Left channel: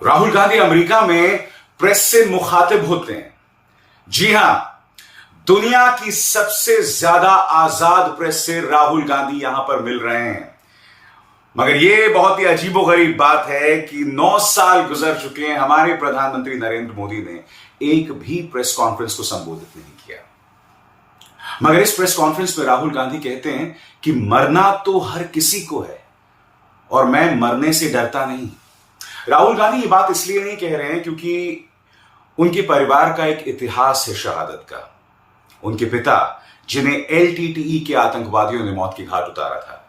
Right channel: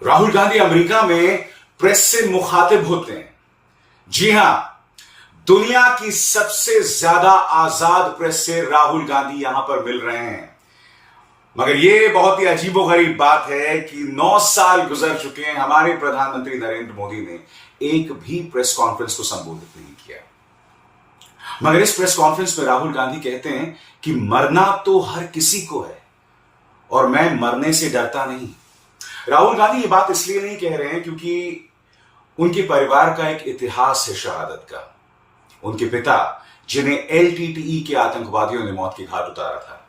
Rahul Gandhi America में press से मुखातिब होते हैं। जी हां, दुनिया की सबसे ज्यादा आजाद प्रेस से राहुल गांधी यहां पर मिल रहे हैं। मगर यह बहुत ही अजीबोगरीब बात है कि 9 साल गुजर चुके हैं, हमारे प्रधानमंत्री नरेंद्र मोदी ने एक भी प्रेस कॉन्फ्रेंस को संबोधित नहीं किया। मगर इस प्रेस कॉन्फ्रेंस में राहुल गांधी कहते हैं कि मरना तो हर किसी को है और मैं मरने से डरता नहीं। राहुल गांधी ये बात इसलिए नहीं कह रहे हैं क्योंकि उनके परिवार का एक इतिहास है शहादत का। उनके पिता, जिन्हें एलटीटीई के आतंकवादियों ने मौत के घाट उतारा था,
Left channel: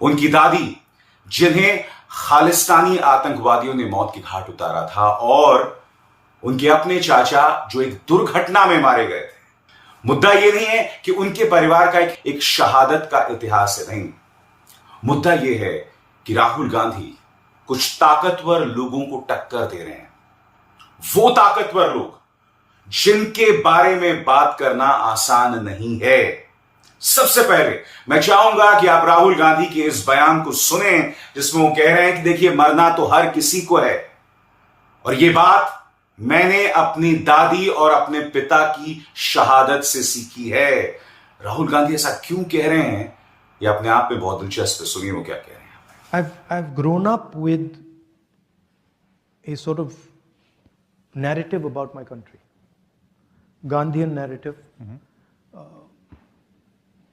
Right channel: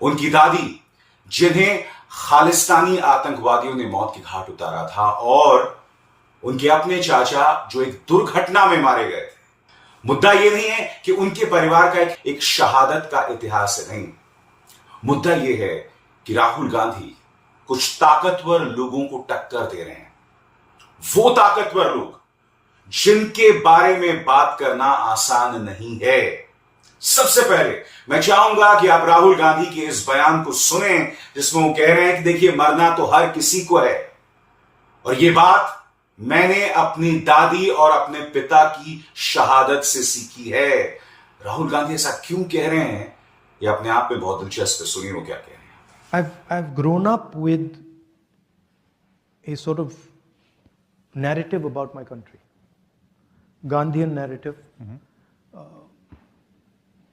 उनकी दादी, जिन्हें खालिस्तानी आतंकवादियों ने मौत के घाट उतारा था, और उनके अपने चाचा जो एक दुर्घटना में मारे गए थे। मुद्दा यह नहीं है कि उनके परिवार का एक शहादत का इतिहास है, नहीं। मुद्दा यह है कि राहुल गांधी कुछ ताकतवर लोगों को टक्कर दे रहे हैं। वो ताकतवर लोग जिनके बारे में बात करना आसान नहीं है। सबसे पहले मैं चाहूंगा कि आप राहुल गांधी के इस बयान को सुने जिसमें वो कह रहे हैं कि देखिए, मरना तो हर किसी को है और ये बात मैंने अपनी दादी और अपने पिता की शहादत से सीखी है। राहुल गांधी ऐसा क्यों कह रहे हैं, ये अपने आप में बहुत दिलचस्प है। सुनिए वो क्या कह रहे हैं। I've grown up with a sort of narrative about my country, Gandhian narrative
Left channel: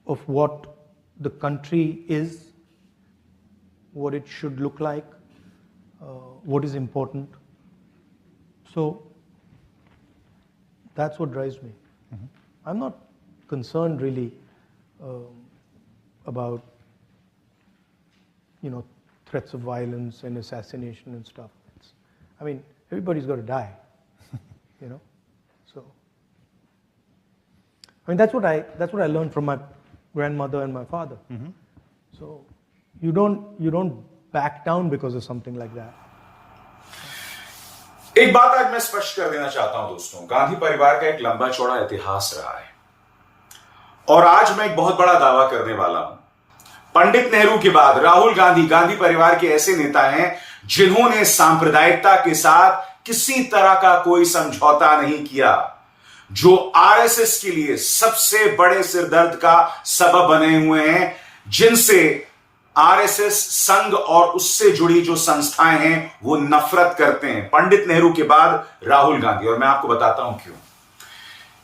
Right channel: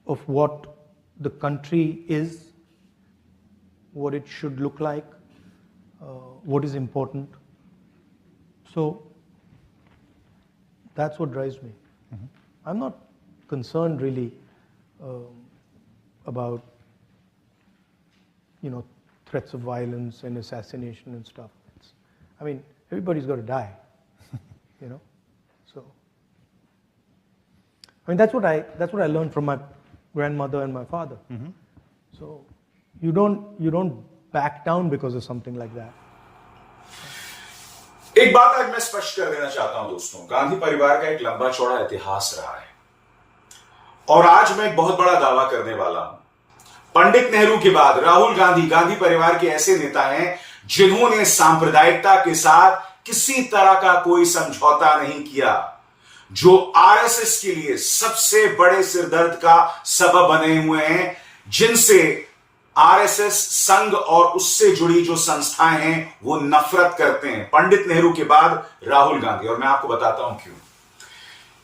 of what the country is, what it should look like, what is important. So that's what drives me. I'm not concerned really about threats of violence and assassination and stuff. I mean, everybody's got to die, So, I mean, that's what I learned from my grandmother and my father. So, you don't back down because of something like that. एक बात आज मैं स्पष्ट कर देना चाहता हूं दोस्तों, गांधी परिवार का एक लंबा चौड़ा इतिहास रहा है और आज मैं एक बहुत बड़ा दावा करने वाला हूं। पंडित नेहरू के बाद राहुल गांधी परिवार के ऐसे नेता हैं जिन्होंने सांप्रदायिकता के साथ किसी तरह का कोई समझौता नहीं किया, जो आरएसएस के लिए सबसे बड़े सिरदर्द का सबब बने हुए हैं, जिनसे आरएसएस संघ और उससे जुड़ी जो संस्थाएं हैं वो नफरत करते हैं। पंडित नेहरू के बाद राहुल गांधी, और मैं आपको बताता हूं क्यों।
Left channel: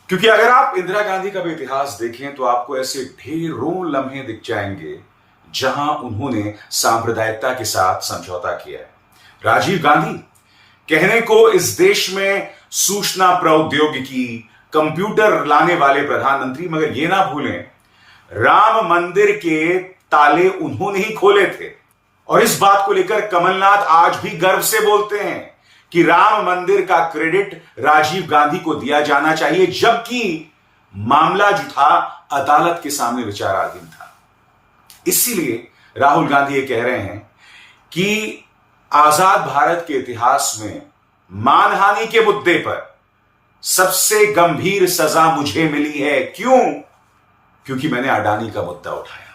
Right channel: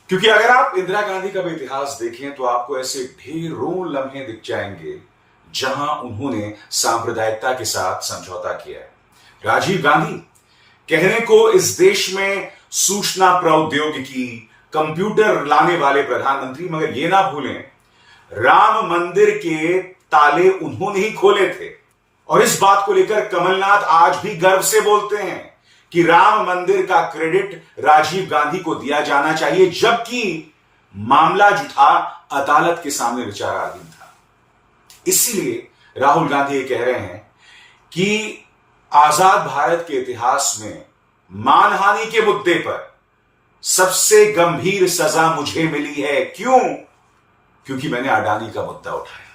क्योंकि अगर आप इंदिरा गांधी का भी इतिहास देखें तो आपको ऐसे ढेरों लम्हे दिख जाएंगे जहां उन्होंने सांप्रदायिकता के साथ समझौता किया है। राजीव गांधी, कहने को इस देश में सूचना प्रौद्योगिकी, कंप्यूटर लाने वाले प्रधानमंत्री, मगर यह ना भूलें राम मंदिर के ताले उन्होंने ही खोले थे। और इस बात को लेकर कमलनाथ आज भी गर्व से बोलते हैं कि राम मंदिर का क्रेडिट राजीव गांधी को दिया जाना चाहिए, जबकि मामला जो था अदालत के सामने विचाराधीन था। इसीलिए राहुल गांधी ये कह रहे हैं कि आजाद भारत के इतिहास में मानहानि के मुद्दे पर सबसे गंभीर सजा मुझे मिली है। क्यों? क्योंकि मैंने अडानी का मुद्दा उठाया,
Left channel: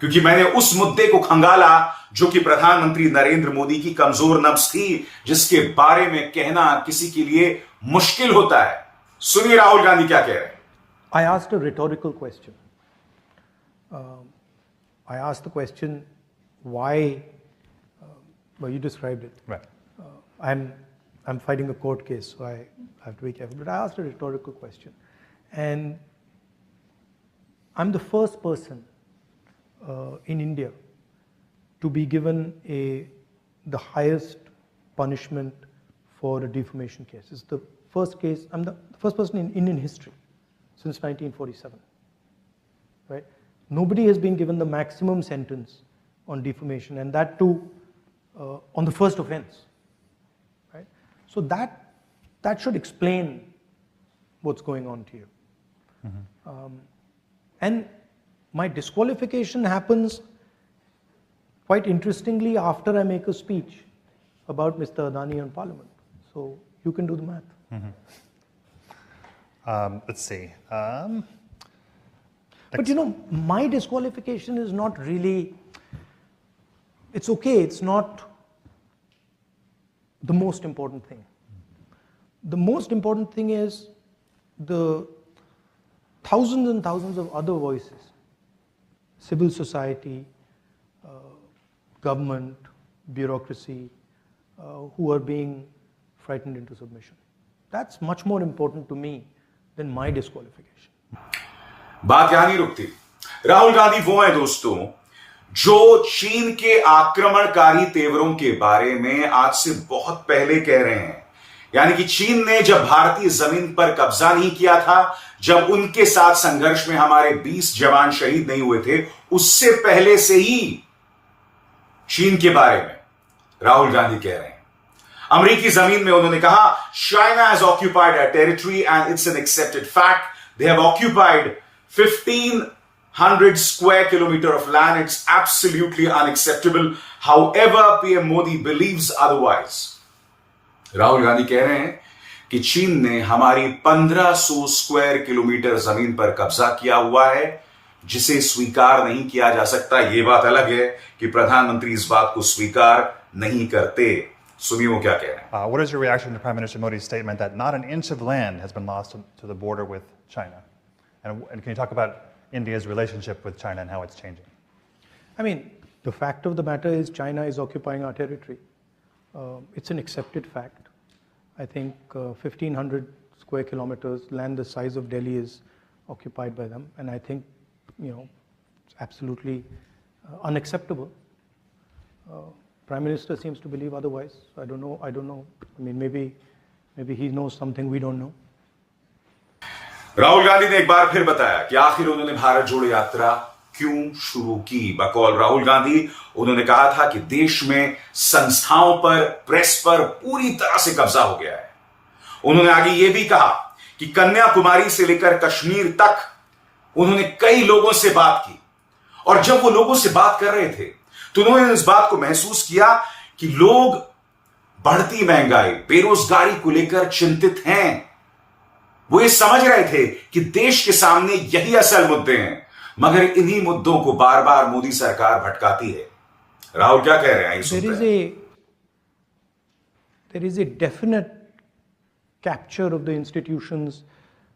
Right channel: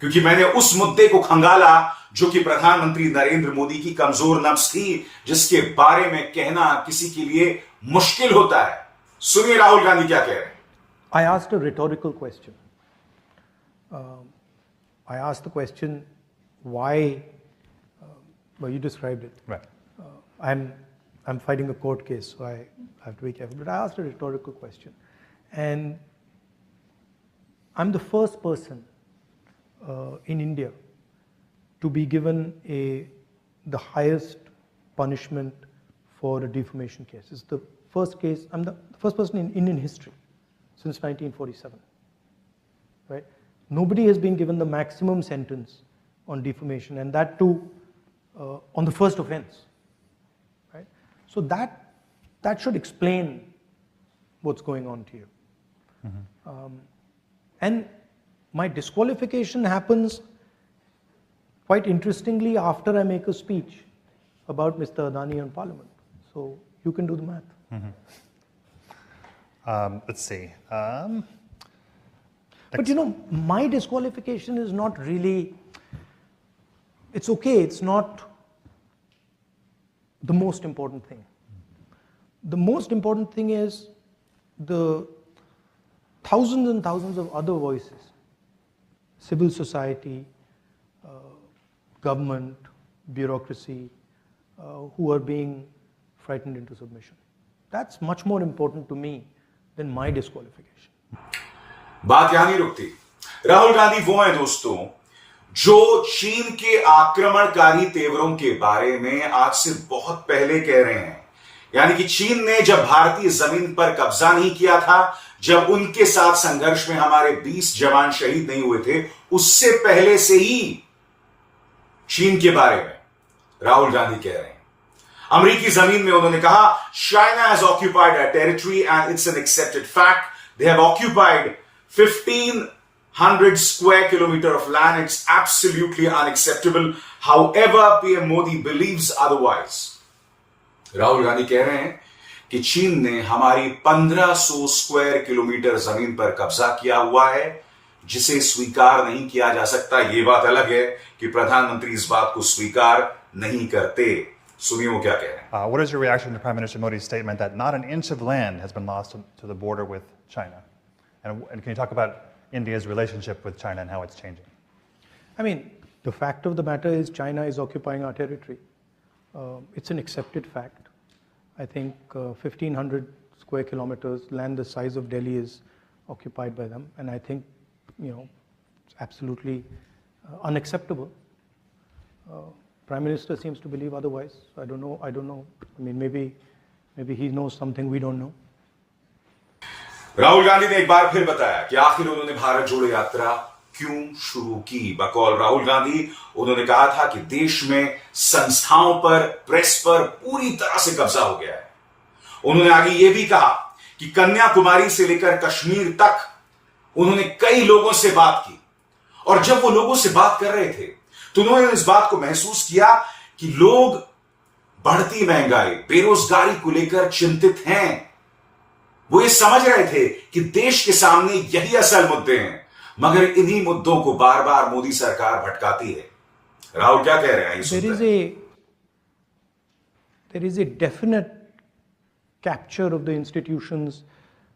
क्योंकि मैंने उस मुद्दे को खंगाला जो कि प्रधानमंत्री नरेंद्र मोदी की कमजोर नब्ज थी, जिसके बारे में कहना किसी के लिए मुश्किल होता है। सुनिए राहुल गांधी क्या कह रहे हैं। I asked a rhetorical question. I asked the question, why? Well, you described it. Right. I'm fighting a court case, so I have to be careful. But I asked a rhetorical question, and I'm the first person in India to be given the highest punishment for a defamation case. It's the first case. I'm the first person in Indian history since 1947. Right? Nobody has been given the maximum sentence on defamation, and that too on the first offense. Right? So that should explain what's going on to you. And my disqualification happens quite interestingly after I make a speech about Mr. Adani in Parliament. So you can do the math. Let's see. But my disqualification is not really, it's okay, it's not the most important thing. The most important thing is the thousands and thousands of other voices, civil society, government, bureaucracy, who are being frightened into submission. That's much more important to me than my disqualification. बात यहां नहीं रुकती। राहुल गांधी वो हैं दोस्तों जो चीन के आक्रमणकारी तेवरों के बारे में आज से बहुत पहले कह रहे हैं। यानी कि चीन ने जब भारतीय जमीन पर कब्जा नहीं किया था, जब उनके साथ संघर्ष में हमारे 20 जवान शहीद नहीं हुए थे, उससे पहले से ही चीन के बारे में राहुल गांधी कह रहे हैं। अमेरिकी जमीन में उन्होंने कहा, China has occupied a territory and it's an accepted fact. They have occupied 1500 square kilometer of land. It's absolutely unacceptable. However, PM Modi believes otherwise. Rahul Gandhi कह रहे हैं कि चीन ने हमारी 1500 स्क्वायर किलोमीटर जमीन पर कब्जा किया हुआ है, जिसे स्वीकार नहीं किया जा सकता। यह बात अलग है कि प्रधानमंत्री इस बात को स्वीकार नहीं करते। सुनिए वो क्या कह रहे हैं। What is your reaction to Prime Minister Modi's statement that not an inch of land has been lost to the border with China? And can you talk about India's relationship with China and how it's changing? I mean, the fact of the matter is China is occupying our territory. It's an accepted fact. I think 1,500 square kilometers, land the size of Delhi, is occupied by them. And I think, it's absolutely unacceptable. Prime Minister seems to believe otherwise. I don't know. I mean, maybe he knows something we don't know. Rahul Gandhi ने एक बार फिर बताया कि आखिर उन्होंने भारत जोड़ो यात्रा क्यों शुरू की। बकौल राहुल गांधी उन्होंने कहा था कि देश में संस्थाओं पर, प्रेस पर पूरी तरह से कब्जा हो गया है। उन्होंने आगे यह भी कहा कि कन्याकुमारी से लेकर कश्मीर तक उन्होंने कई लोगों से बात की, और जब वो लोगों से बात कर रहे थे तो उन्होंने इस बात को महसूस किया कि लोग बढ़ती महंगाई, बेरोजगारी को लेकर चिंतित हैं। वो ये समझ रहे थे कि देश के सामने यही असल मुद्दे हैं, मगर इन्हीं मुद्दों को बार बार मोदी सरकार भटकाती है। राहुल क्या कह रहे हैं? There is a definite capture of the institutions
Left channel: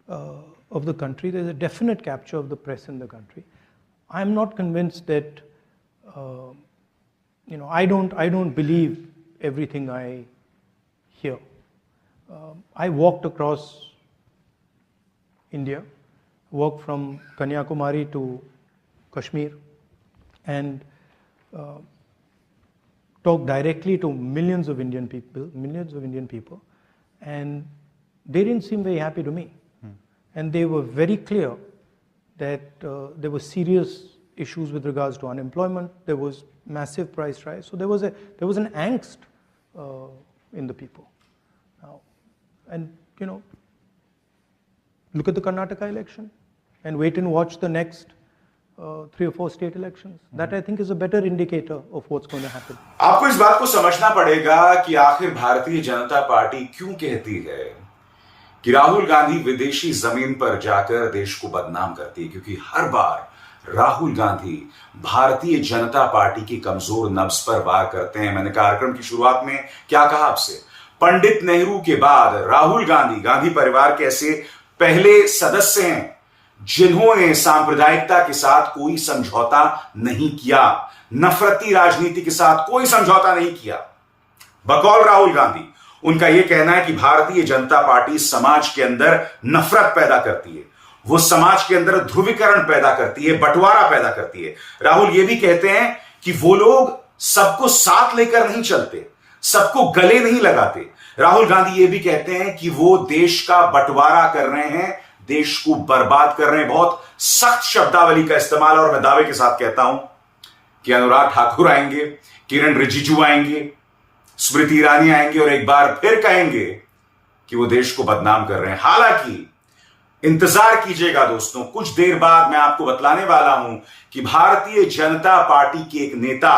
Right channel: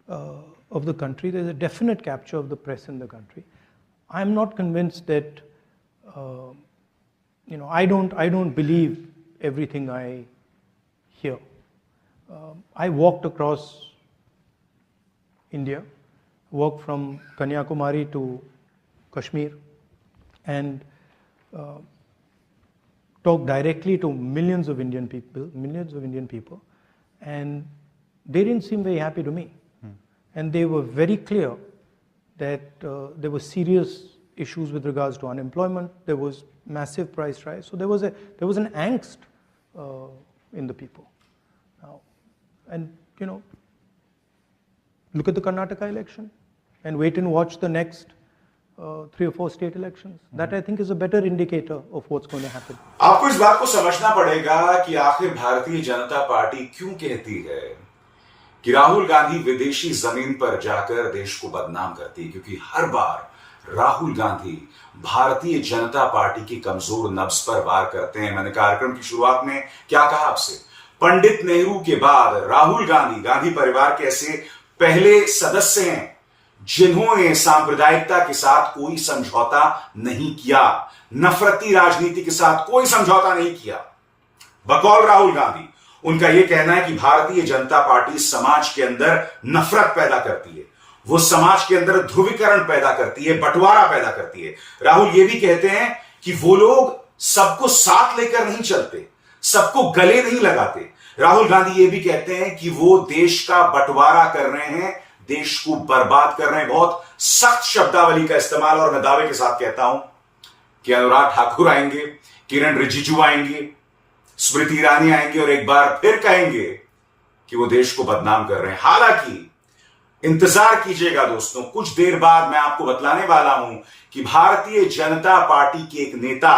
of the country. There is a definite capture of the press in the country. I am not convinced that I don't believe everything I hear. I walked across India, walked from Kanyakumari to Kashmir, and talked directly to millions of Indian people, and they didn't seem very happy to me. And they were very clear that there were serious issues with regards to unemployment. There was massive price rise. So there was an angst in the people. Now, and look at the Karnataka election and wait and watch the next 3 or 4 state elections. That I think is a better indicator of what's going to happen. आपको इस बात को समझना पड़ेगा कि आखिर Bharatiya Janata party क्यों कहती है कि राहुल गांधी विदेशी जमीन पर जाकर देश को बदनाम करती है, क्योंकि हर बार राहुल गांधी भारतीय जनता पार्टी की कमजोर नब्ज पर वार करते हैं। मैंने कार्यक्रम की शुरुआत में क्या कहा आपसे, पंडित नेहरू के बाद राहुल गांधी, गांधी परिवार के ऐसे पहले सदस्य हैं जिन्होंने सांप्रदायिकता के साथ कोई समझौता नहीं किया, नफरती राजनीति के साथ कोई समझौता नहीं किया। बकौल राहुल गांधी, उनका यह कहना है कि भारतीय जनता पार्टी समाज के अंदर नफरत पैदा करती है, वो समाज के अंदर ध्रुवीकरण पैदा करती है, बंटवारा पैदा करती है। राहुल ये भी कहते हैं कि वो लोग सबको साथ लेकर नहीं चलते, सबको गले नहीं लगाते। राहुल गांधी ये भी कहते हैं कि वो देश का बंटवारा कर रहे हैं, देश को बर्बाद कर रहे हैं। बहुत सख्त शब्दावली का इस्तेमाल, और मैं दावे के साथ कहता हूं कि अनुराग ठाकुर आएंगे, किरण रिजिजू आएंगे, स्मृति ईरानी आएंगे और एक बार फिर कहेंगे कि वो देश को बदनाम कर रहे हैं। हालांकि इंतजार कीजिएगा दोस्तों, कुछ देर बाद मैं आपको बतलाने वाला हूं कि भारतीय जनता पार्टी के एक नेता,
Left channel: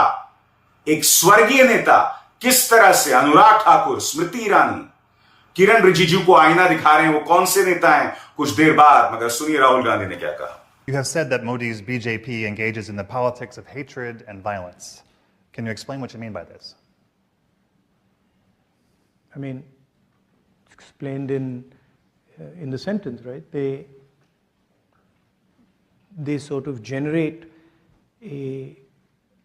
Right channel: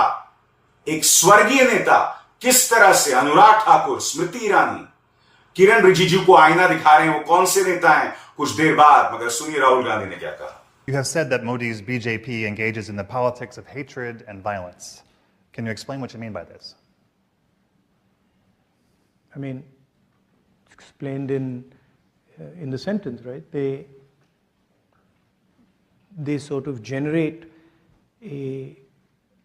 एक स्वर्गीय नेता, किस तरह से अनुराग ठाकुर, स्मृति ईरानी, किरण रिजिजू को आईना दिखा रहे हैं। वो कौन से नेता हैं, कुछ देर बाद। मगर सुनिए राहुल गांधी ने क्या कहा। You have said that Modi's BJP engages in the politics of hatred and violence. Can you explain what you mean by this? I mean, it's explained in the sentence, right? They sort of generate a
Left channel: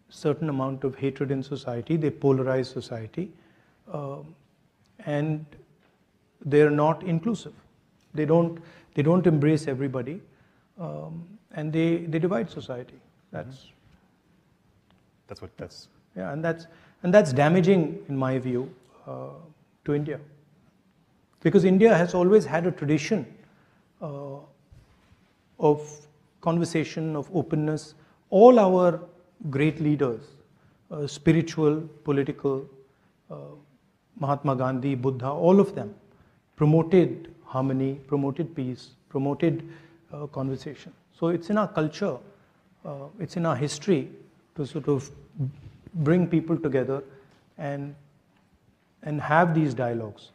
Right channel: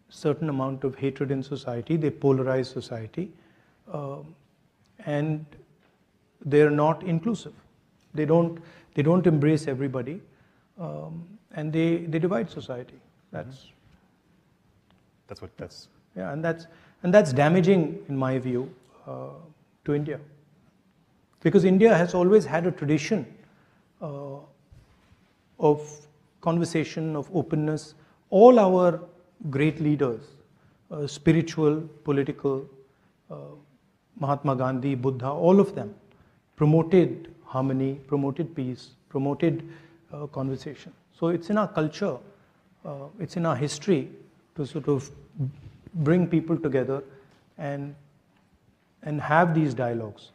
certain amount of hatred in society. They polarize society, and they're not inclusive. They don't embrace everybody, and they divide society. That's yeah, and that's damaging in my view to India, because India has always had a tradition of conversation, of openness. All our great leaders, spiritual, political, Mahatma Gandhi, Buddha, all of them promoted harmony, promoted peace, promoted conversation. So it's in our culture, it's in our history to sort of bring people together and have these dialogues.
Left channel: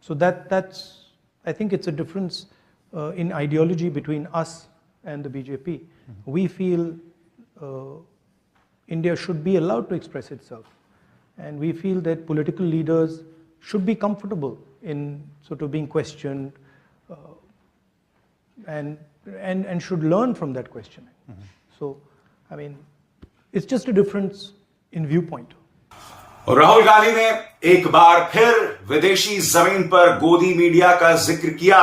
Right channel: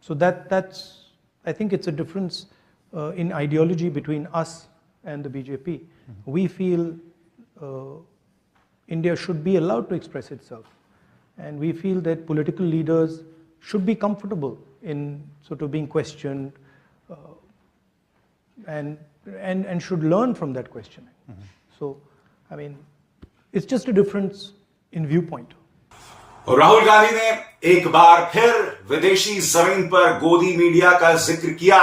So that's I think it's a difference in ideology between us and the BJP. Mm-hmm. We feel India should be allowed to express itself, and we feel that political leaders should be comfortable in sort of being questioned, and should learn from that questioning. Mm-hmm. So, I mean, it's just a difference in viewpoint. और राहुल गांधी ने एक बार फिर विदेशी जमीन पर गोदी media का जिक्र किया।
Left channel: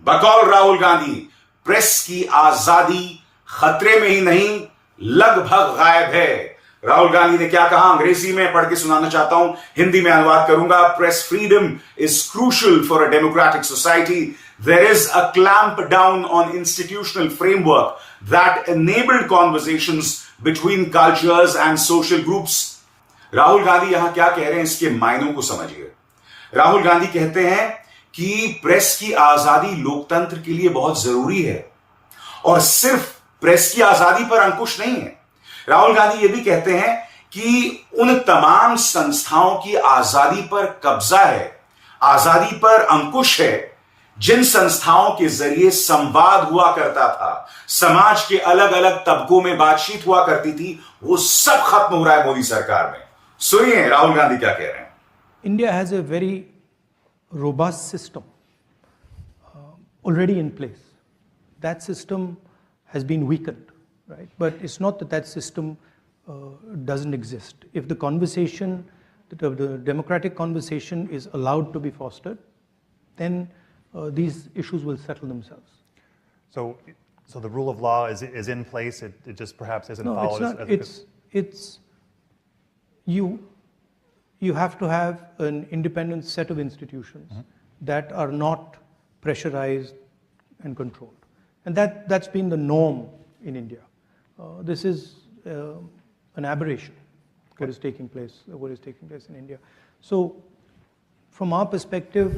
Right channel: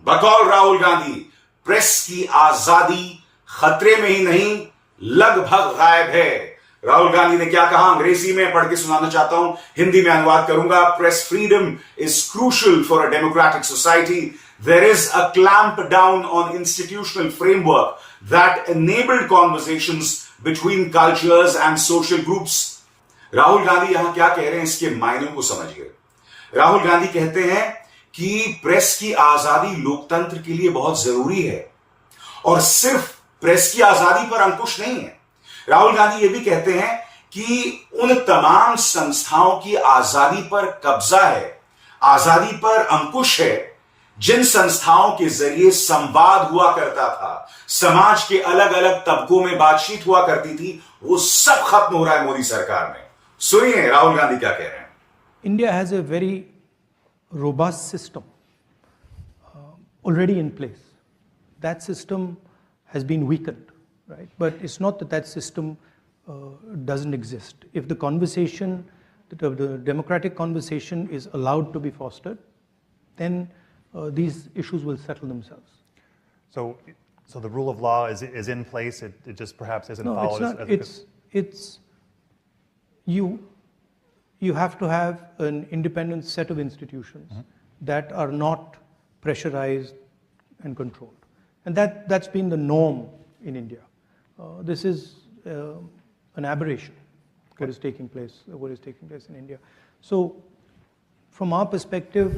बकौल राहुल गांधी, प्रेस की आजादी खतरे में ही नहीं, लगभग गायब है। राहुल गांधी ने क्या कहा, अंग्रेजी में पढ़ के सुनाना चाहता हूं, हिंदी में अनुवाद करूंगा। Press freedom is crucial for a democratic society. There is a clamp down on institutional framework that enabled conversations between cultures and social groups. Rahul Gandhi यहां क्या कह रहे हैं, इसके मायनों को समझिए। राहुल गांधी कहते हैं कि प्रेस की आजादी लोकतंत्र के लिए बहुत जरूरी है, और सिर्फ प्रेस की आजादी पर अंकुश नहीं है। राहुल गांधी यह भी कहते हैं कि उन तमाम संस्थाओं की आजादी पर कब्जा है, आजादी पर अंकुश है, जिन संस्थाओं के जरिए संवाद हुआ करता था, समाज के अलग अलग तबकों में बातचीत हुआ करती थी, वो सब खत्म हो रहा है मोदी सरकार में। सुनिए राहुल गांधी क्या कह रहे हैं। India has a very robust system already in place. That system has been weakened, right? But it's not that system doesn't exist. If the conversation, the democratic conversation is allowed to be fostered, then these issues will settle themselves. So the rule of law is in place. It just perhaps isn't followed. No, it's not. It's you have to have an independent set of institutions that are not pressurized and controlled, and that's been the norm in India. This is an aberration. What is taking place in India. So, from our perspective,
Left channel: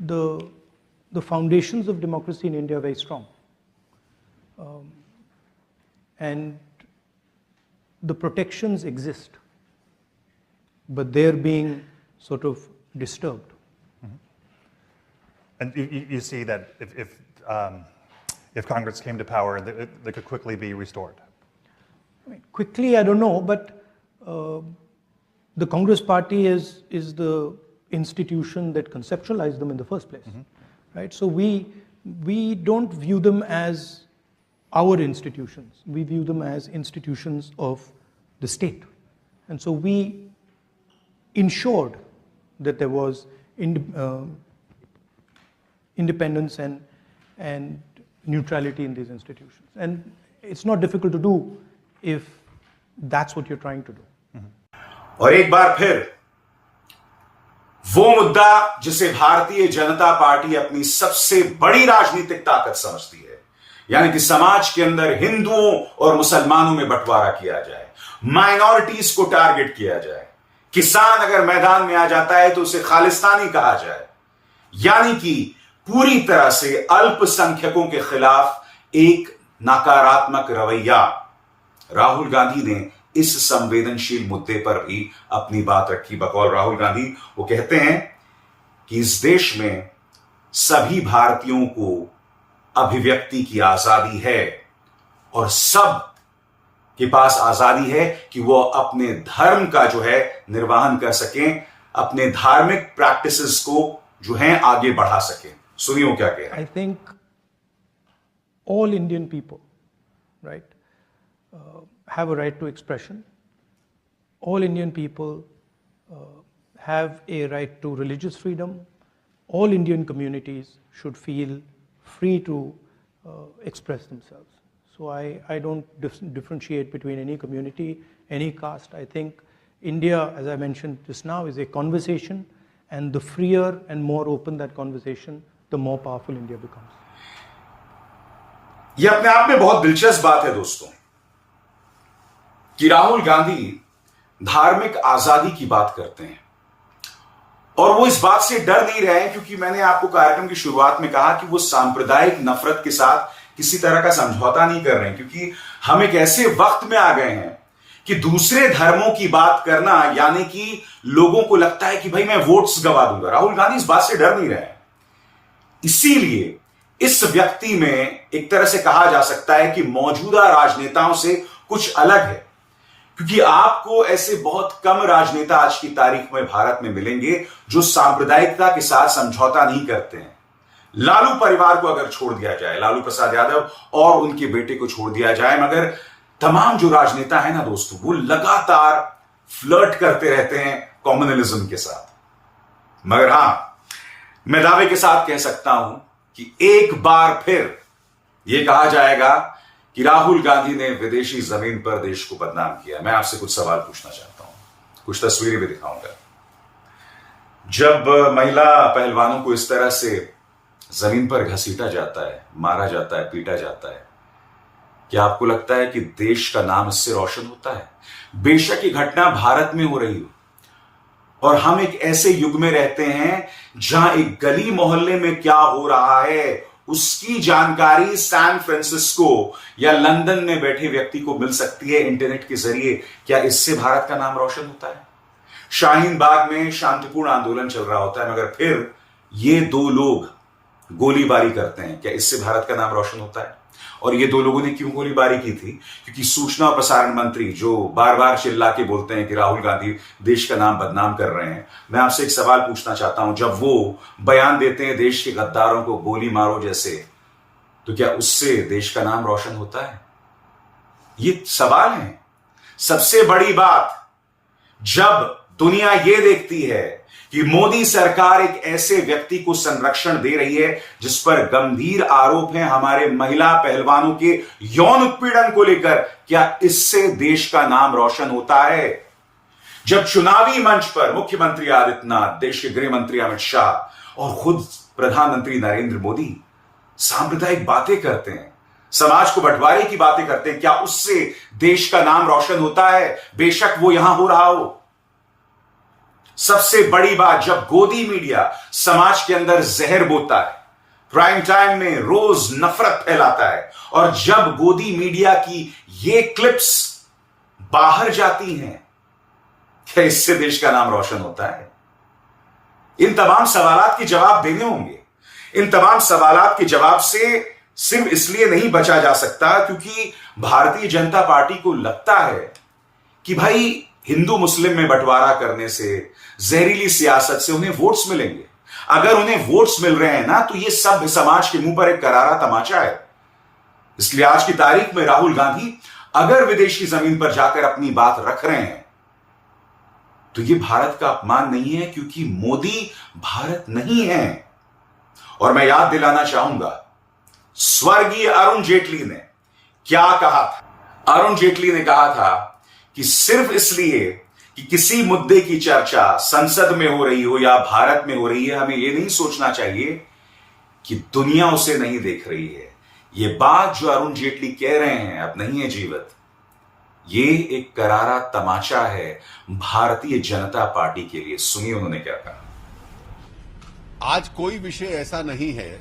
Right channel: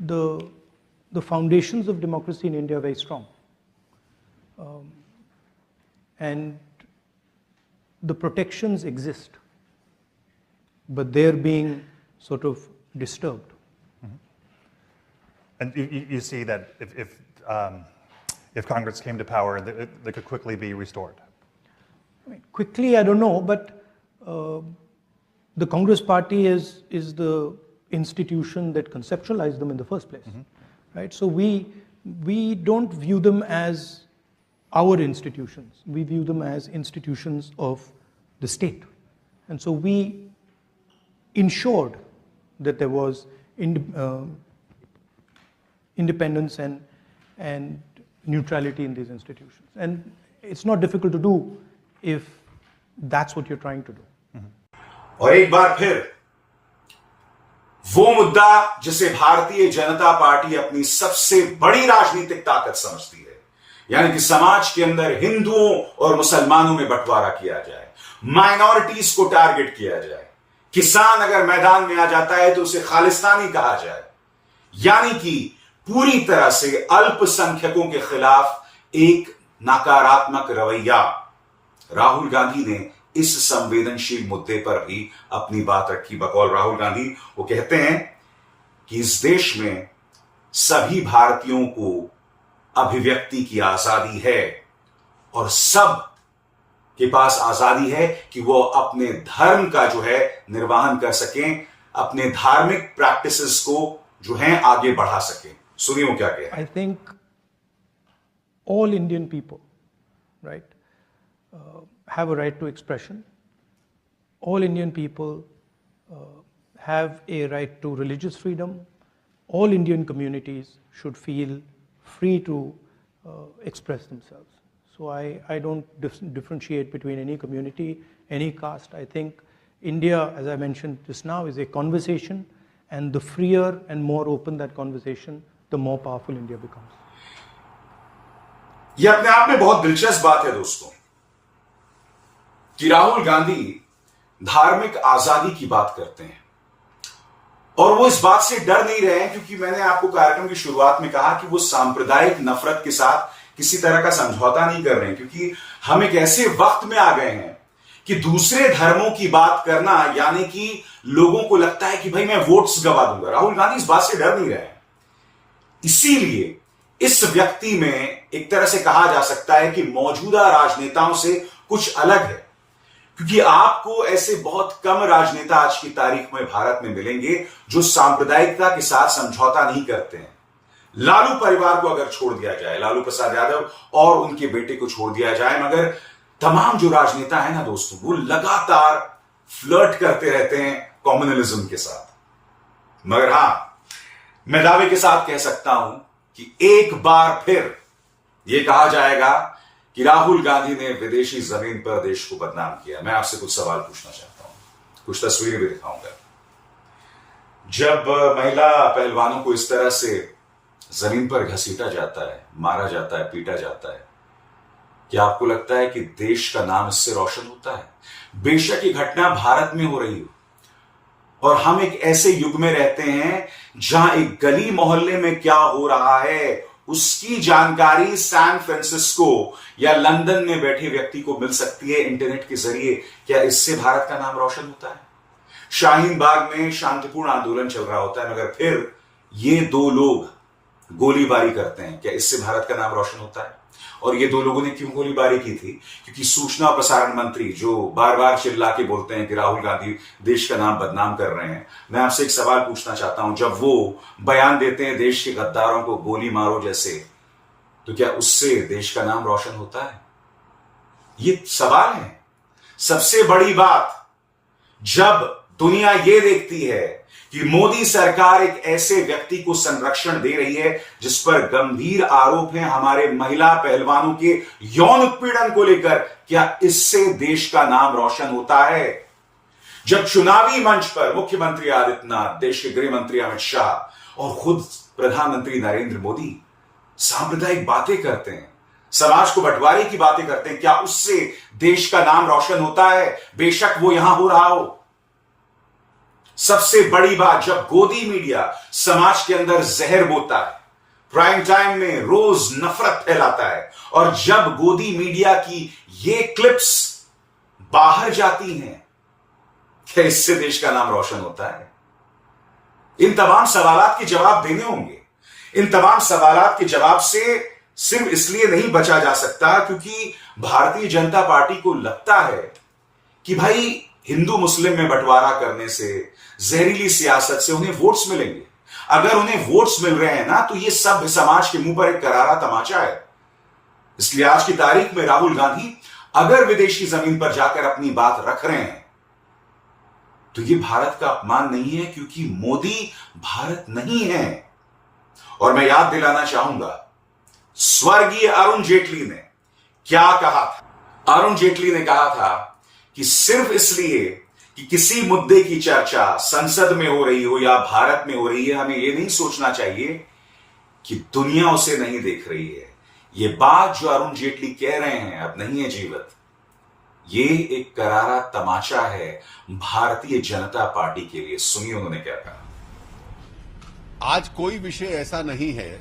the foundations of democracy in India are very strong, and the protections exist, but they're being sort of disturbed. And you see that if Congress came to power, they could quickly be restored. I mean, quickly, I don't know, but the Congress party is the institution that conceptualized them in the first place, right? So we don't view them as our institutions. We view them as institutions of the state, and so we ensured that there was independence and neutrality in these institutions. And it's not difficult to do if that's what you're trying to do. और एक बार फिर वो मुद्दा जिसे Bharatiya Janata party अपनी सबसे बड़ी राजनीतिक ताकत समझती है, यानी कि समाज के अंदर हिंदुओं और मुसलमानों में बंटवारा किया जाए, माइनॉरिटीज को टारगेट किया जाए, किसान अगर मैदान में आ जाता है तो उसे खालिस्तानी कहा जाए, यानी कि पूरी तरह से अल्पसंख्यकों के खिलाफ एक नकारात्मक रवैया। राहुल गांधी ने इस संवेदनशील मुद्दे पर भी अपनी बात रखी। बकौल राहुल गांधी वो कहते हैं कि इस देश में सभी भारतीयों को अभिव्यक्ति की आजादी है, और सब के पास आजादी है कि वो अपने धर्म का जो है निर्वहन कर सकें, अपने धार्मिक प्रैक्टिसेस को जो हैं आगे बढ़ा सके। सुनिए वो क्या कह रहे हैं। I think all Indian people, right, have a right to expression. All Indian people have a right to religious freedom. All Indian communities should feel free to express themselves. So I don't differentiate between any community, any caste. I think India, as I mentioned just now, is a conversation, and the freer and more open that conversation, the more powerful India becomes. यह अपने आप में बहुत दिलचस्प बात है दोस्तों कि राहुल गांधी धार्मिक आजादी की बात करते हैं और वो इस बात से डर नहीं रहे हैं, क्योंकि मैंने आपको कार्यक्रम की शुरुआत में कहा कि वो सांप्रदायिक नफरत के साथ किसी तरह का समझौता नहीं कर रहे हैं, क्योंकि हम एक ऐसे वक्त में आ गए हैं कि दूसरे धर्मों की बात करना यानी कि लोगों को लगता है कि भाई मैं वोट्स गवा दूंगा। राहुल गांधी इस बात से डर नहीं रहे हैं। इसीलिए इस व्यक्ति में एक तरह से कहा जा सकता है कि मौजूदा राजनेताओं से कुछ अलग है, क्योंकि आपको ऐसे बहुत कम राजनेता आज की तारीख में भारत में मिलेंगे जो सांप्रदायिकता के साथ समझौता नहीं करते हैं। लालू परिवार को अगर छोड़ दिया जाए, लालू प्रसाद यादव और उनके बेटे को छोड़ दिया जाए, मगर तमाम जो राजनेता है ना दोस्तों, वो लगातार फ्लर्ट करते रहते हैं कम्युनलिज्म के साथ। मगर हां, मैं दावे के साथ कह सकता हूं कि एक बार फिर यह कहा जाएगा कि राहुल गांधी ने विदेशी जमीन पर देश को बदनाम किया। मैं आपसे कुछ सवाल पूछना चाहता हूं, कुछ तस्वीरें भी दिखाऊंगा। जब महिला पहलवानों को इस तरह से जमीन पर घसीटा जाता है, मारा जाता है, पीटा जाता है, क्या आपको लगता है कि देश का नाम इससे रोशन होता है? बेशक ये घटना भारत में हो रही हो, और हम एक ऐसे युग में रहते हैं जहां एक गली मोहल्ले में क्या हो रहा है उसकी जानकारी सैन फ्रांसिस्को या लंदन में बैठे व्यक्ति को मिल सकती है इंटरनेट के जरिए। क्या इससे भारत का नाम रोशन होता है? शाहीन बाग में शांतिपूर्ण आंदोलन चल रहा होता है, मगर फिर ये दो लोग गोलीबारी करते हैं। क्या इससे भारत का नाम रोशन होता है? और ये दो लोगों ने क्यों गोलीबारी की थी? क्योंकि सूचना और प्रसारण मंत्री जो बार बार चिल्ला के बोलते हैं कि राहुल गांधी देश का नाम बदनाम कर रहे हैं, मैं आपसे एक सवाल पूछना चाहता हूं, जब वो बयान देते हैं देश के गद्दारों को गोली मारो जैसे, तो क्या उससे देश का नाम रोशन होता है? ये सवाल है। सबसे बड़ी बात, जब दुनिया ये देखती है कि मोदी सरकार एक ऐसे व्यक्ति को संरक्षण दे रही है जिस पर गंभीर आरोप हैं हमारे महिला पहलवानों के यौन उत्पीड़न को लेकर, क्या इससे देश का नाम रोशन होता है? जब चुनावी मंच पर मुख्यमंत्री आदित्यनाथ, देश के गृह मंत्री अमित शाह और खुद प्रधानमंत्री नरेंद्र मोदी सांप्रदायिक बातें करते हैं, समाज को बंटवारे की बातें करते हैं, क्या उससे देश का नाम रोशन होता है? बेशक वो यहां हो रहा हो। सबसे बड़ी बात, जब गोदी मीडिया समाज के अंदर जहर बोता है, प्राइम टाइम में रोज नफरत फैलाता है, और जब गोदी मीडिया की ये क्लिप्स बाहर जाती हैं, क्या इससे देश का नाम रोशन होता है? इन तमाम सवालात के जवाब देने होंगे। इन तमाम सवालात के जवाब से सिर्फ इसलिए नहीं बचा जा सकता क्योंकि भारतीय जनता पार्टी को लगता है कि भाई हिंदू मुस्लिम में बंटवारा करने से, जहरीली सियासत से उन्हें वोट्स मिलेंगे। अगर उन्हें वोट्स मिल रहे हैं ना, तो ये सब समाज के मुंह पर एक करारा तमाचा है। इसलिए आज की तारीख में राहुल गांधी अगर विदेशी जमीन पर जाकर अपनी बात रख रहे हैं, तो ये भारत का अपमान नहीं है, क्योंकि मोदी भारत नहीं है। और मैं याद दिलाना चाहूंगा, स्वर्गीय अरुण जेटली ने क्या कहा था। अरुण जेटली ने कहा था कि सिर्फ इसलिए कि किसी मुद्दे की चर्चा संसद में हो रही हो या भारत में हो रही है, हमें यह नहीं सोचना चाहिए कि दुनिया उसे नहीं देख रही है। यह बात जो अरुण जेटली कह रहे हैं अब नहीं है जीवित, ये एक करारा तमाचा है भारतीय जनता पार्टी के लिए। सुनिए उन्होंने क्या कहा। आज कोई विषय ऐसा नहीं है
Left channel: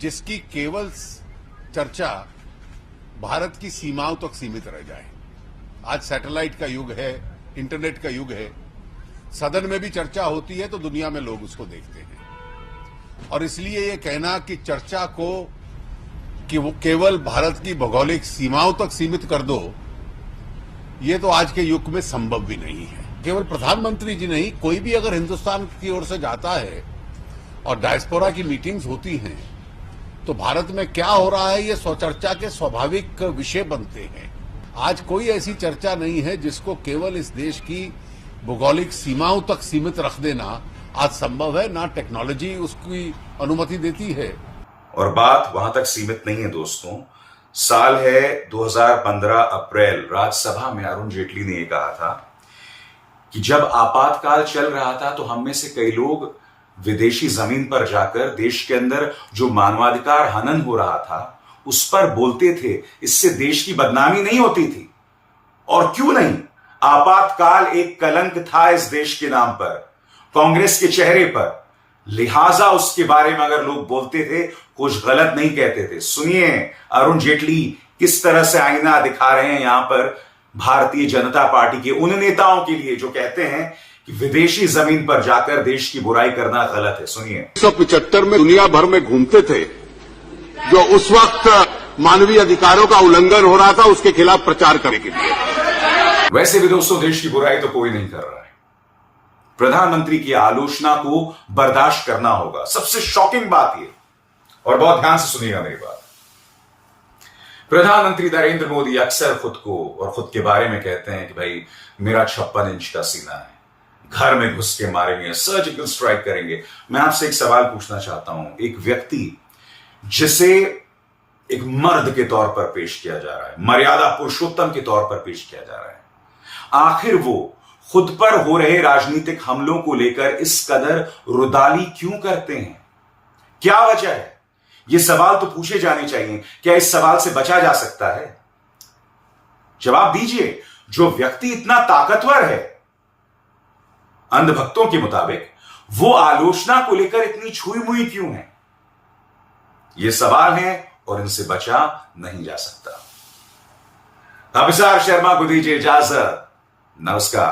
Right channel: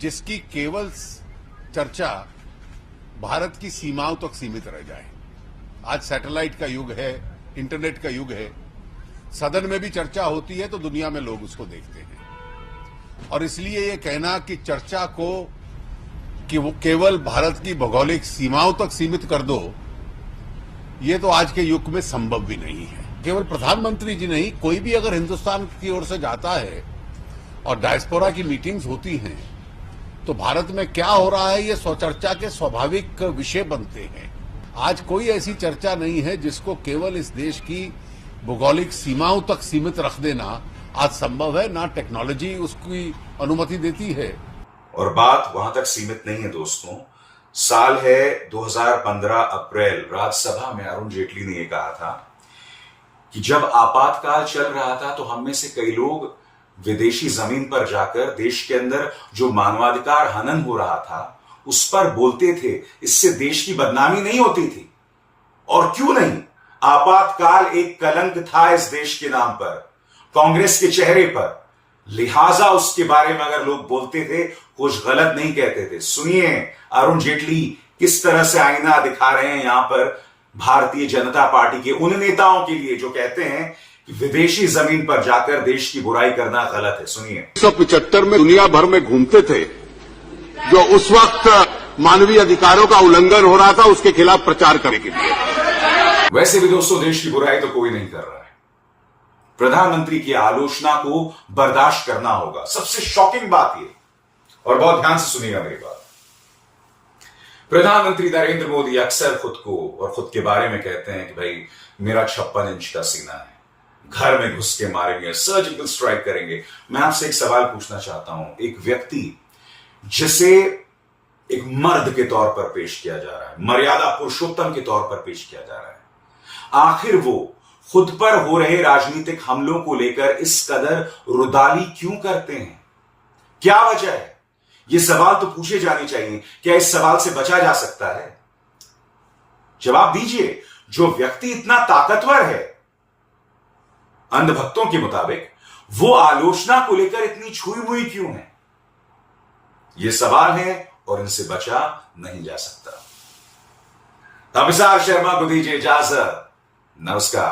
जिसकी केवल चर्चा भारत की सीमाओं तक सीमित रह जाए। आज सैटेलाइट का युग है, इंटरनेट का युग है। सदन में भी चर्चा होती है तो दुनिया में लोग उसको देखते हैं, और इसलिए ये कहना कि चर्चा को कि वो केवल भारत की भौगोलिक सीमाओं तक सीमित कर दो, ये तो आज के युग में संभव भी नहीं है। केवल प्रधानमंत्री जी नहीं, कोई भी अगर हिंदुस्तान की ओर से जाता है और डायस्पोरा की मीटिंग्स होती हैं तो भारत में क्या हो रहा है ये स्वचर्चा के स्वाभाविक विषय बनते हैं। आज कोई ऐसी चर्चा नहीं है जिसको केवल इस देश की भौगोलिक सीमाओं तक सीमित रख देना आज संभव है, ना टेक्नोलॉजी उसकी अनुमति देती है। और बात वहां तक सीमित नहीं है दोस्तों। साल है 2015 अप्रैल, राज्यसभा में अरुण जेटली ने यह कहा था कि जब आपातकाल चल रहा था तो हम में से कई लोग विदेशी जमीन पर जाकर देश के अंदर जो मानवाधिकार हनन हो रहा था उस पर बोलते थे। इससे देश की बदनामी नहीं होती थी। और क्यों नहीं, आपातकाल एक कलंक था इस देश के नाम पर, कांग्रेस के चेहरे पर, लिहाजा उसके बारे में अगर लोग बोलते थे कुछ गलत नहीं कहते थे। सुनिए अरुण जेटली किस तरह से आईना दिखा रहे हैं यहां पर भारतीय जनता पार्टी के उन नेताओं के लिए जो कहते हैं कि विदेशी जमीन पर जाकर देश की बुराई करना गलत है। सुनिए। 1975 में दुनिया भर में घूमते थे, जो उस वक्त मानवीय अधिकारों का उल्लंघन हो रहा था उसके खिलाफ प्रचार करने के लिए। वैसे भी दोस्तों देश की बुराई तो कोई नहीं कर रहा है। प्रधानमंत्री की आलोचना को बर्दाश्त करना होगा। सबसे शॉकिंग बात यह, और बहुत ध्यान से सुनिएगा मेरी बात, प्रधानमंत्री नरेंद्र मोदी अक्सर खुद को और खुद के बारे में कहते हैं कि भाई मेरा 56 इंच का सीना है, घर में घुस के मारेंगे, सर्जिकल स्ट्राइक करेंगे। मैं आपसे एक सवाल पूछना चाहता हूं। एक व्यक्ति जिसे एक मर्द के तौर पर पेश किया जा रहा है, मर्यादा पुरुषोत्तम के तौर पर पेश किया जा रहा है, आखिर वो खुद पर हो रहे राजनीतिक हमलों को लेकर इस कदर रुदाली क्यों करते हैं? क्या वजह है? ये सवाल तो पूछे जाने चाहिए। क्या इस सवाल से बचा जा सकता है? जवाब दीजिए। जो व्यक्ति इतना ताकतवर है अंधभक्तों के मुताबिक, वो आलोचना को लेकर इतनी छुई मुई क्यों है? ये सवाल है और इनसे बचा नहीं जा सकता। अभिसार शर्मा को दीजिए इजाजत। नमस्कार।